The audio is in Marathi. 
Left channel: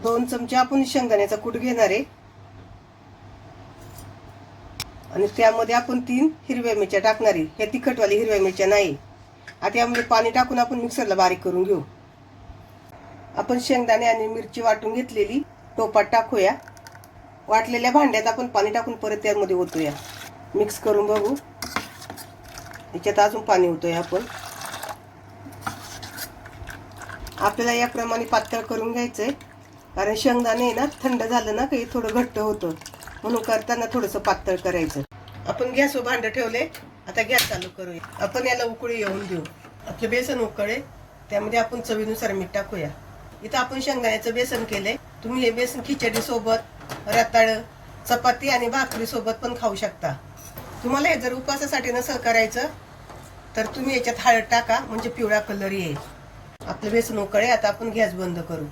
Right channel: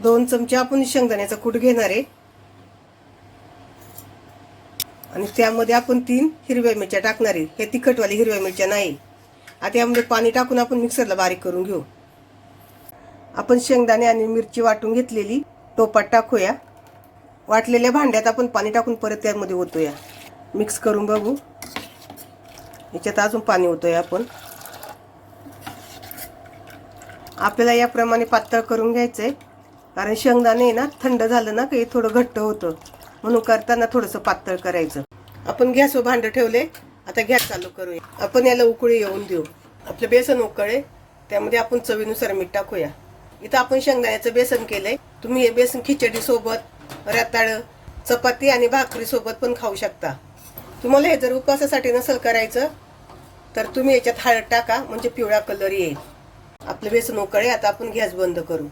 2 चमचे आपण शेंगदाण्याचा कूट घेणार आहे आणि त्यामध्ये आपण 3 हिरव्या मिरच्या टाकणार आहे. हे तिखटवाली हिरव्या मिरच्या नाही. आता यामध्ये पाणी टाकून आपण मिक्सरला बारीक करून घेऊ. आपण शेंगदाणे आणि मिरची वाटून घेतलेली टोपात टाकूया. वाटलेल्या भांड्यात आपण पाणी टाकून परत त्यामध्ये ओतूया. मिक्स करून बघू. याच्यात अजून पाणी ओतूया आपण. आपल्याला याप्रमाणे पातळ करून घ्यायचंय, कारण शेंगदाणे ना थंड झालं ना की थोडं घट्ट होतं, म्हणून करताना थोडंसं पातळ करायचं. आपण गॅसवर भांडं ठेवले. आता गॅस चालू करूया. आपण याला उकळी येऊन देऊ. आपलं बेसन उकळे, त्यामध्ये आपण चवीनुसार मीठ टाकूया. इथं आपण शेंगदाण्याचं बेसन केलंय. तुम्ही हे बेसन खिचडी सोबत, रताळ, चपाती आणि भाकरी सोबत पण खाऊ शकता. तुम्हाला हे जर उपवासासाठी नसेल करायचं तर तुम्ही याच्यात हळद टाका, म्हणजे पिवळा कलर येईल. आपलं बेसन उकळे. आता आपण गॅस बंद करू.